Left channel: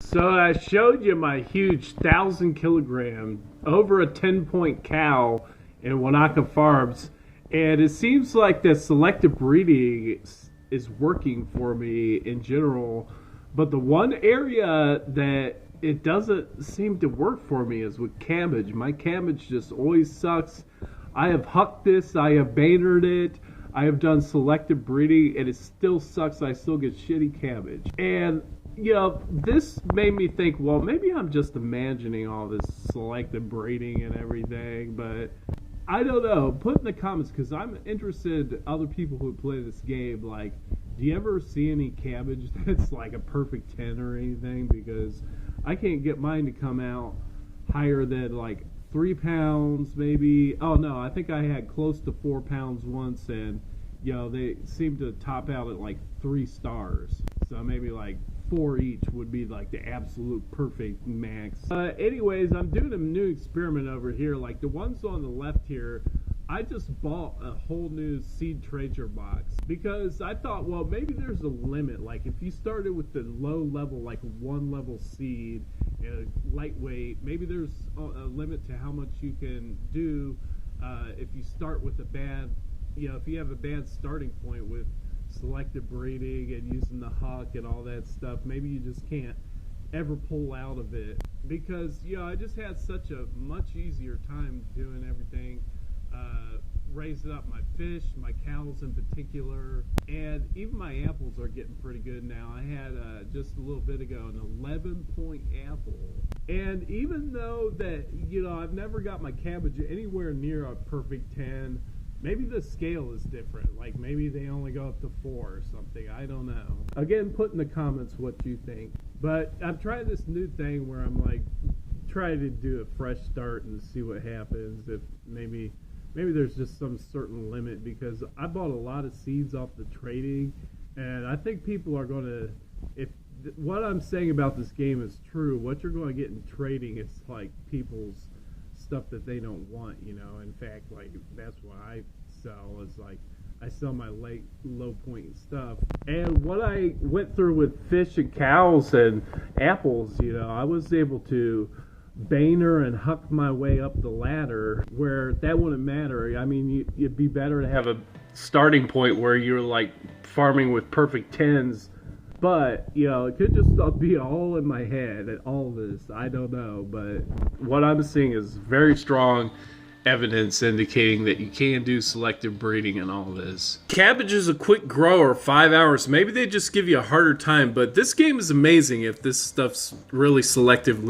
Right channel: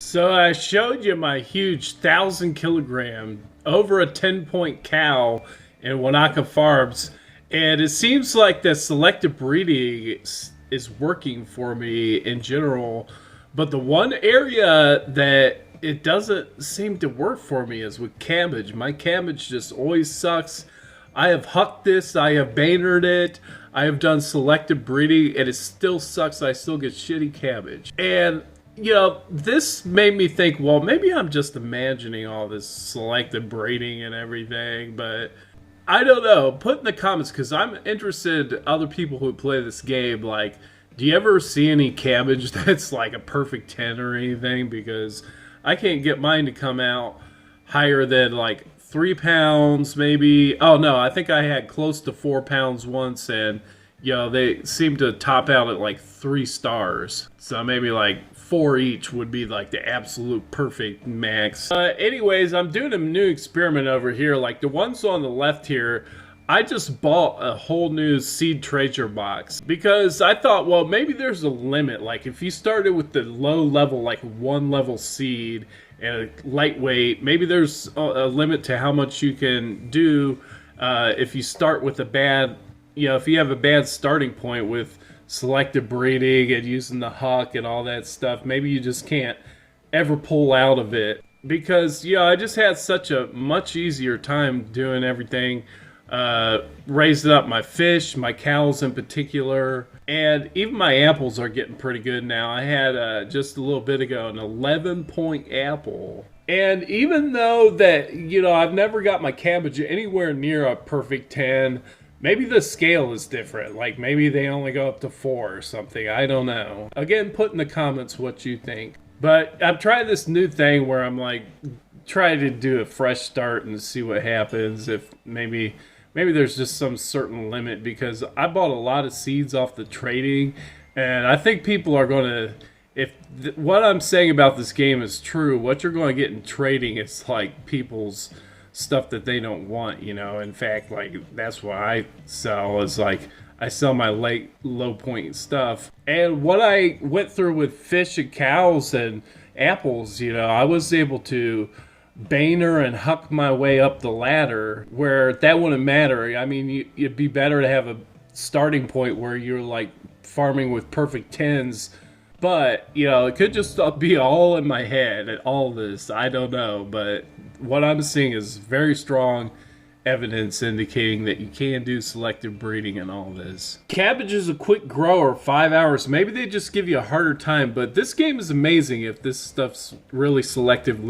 So I showed you my huge 1,000 kilogram, over a 10-point cow in Wanaka Farms, and it seems like the selective breeding is working for me in general. But the one area that it doesn't seem to work for me is with cabbage. My cabbage just always sucks. I have hucked this, I have bannered it, I have done selective breeding, and it still sucks. I still get shitty cabbage. And this made me think, well, maybe I'm just imagining all this selective breeding and everything, but I don't know. Put in the comments, because I'm interested in other people who play this game. Like, do you ever see any cabbage that's like a perfect 10 or anything? Because I can't get mine to come out higher than like 3 pounds, maybe. Oh no, I think I had close to 4 pounds once, and they seem to top out at like 3 stars. So maybe like four each would be like the absolute perfect max. Anyways, I'm doing a new experiment over here. Like the ones on the left here, I just bought a whole new seed treasure box because I thought, well, maybe there's a limit. Like if you started with the low level, like 1 level seed and a lightweight, maybe there's a limit to how much you can do if you start with a bad, if you have a bad starting point with selective breeding and using the huck and all that stuff. Maybe you just can't ever pull out of it because I just had such a much easier time doing everything, raising up my fish, my cows in particular, and even my apples are getting pretty good now. I had just a little bit ago an 11-point apple, and even though that I've never got my cabbage anywhere near a perfect 10. Maybe the scale is different. Like maybe they only go up to 4 or something. I don't know. Again, put in the comments what you think. But I've tried this new thing where I'm like trying to do a fresh start and see what happens. If maybe there's just some certain limit, because I bought a lot of seeds off the trading, and I think people are going to, if what I'm saying about this game is true, what you're going to get in trading is like people's stuff that they don't want. In fact, like that's what I sell, is like I sell my low point stuff. And what I went through with fish and cows and apples, I was able to banner and huck my way up the ladder where that wouldn't matter. I mean, it'd be better to have a starting point where you're like farming with perfect 10s. But, it could just be all in my head and all this. I don't know. But what I'm seeing is very strong evidence indicating that you can do selective breeding and all this. Cabbage is a quick grower, 5 hours. Maybe they just give you a harder time. But this game is amazing if this stuff's really selectively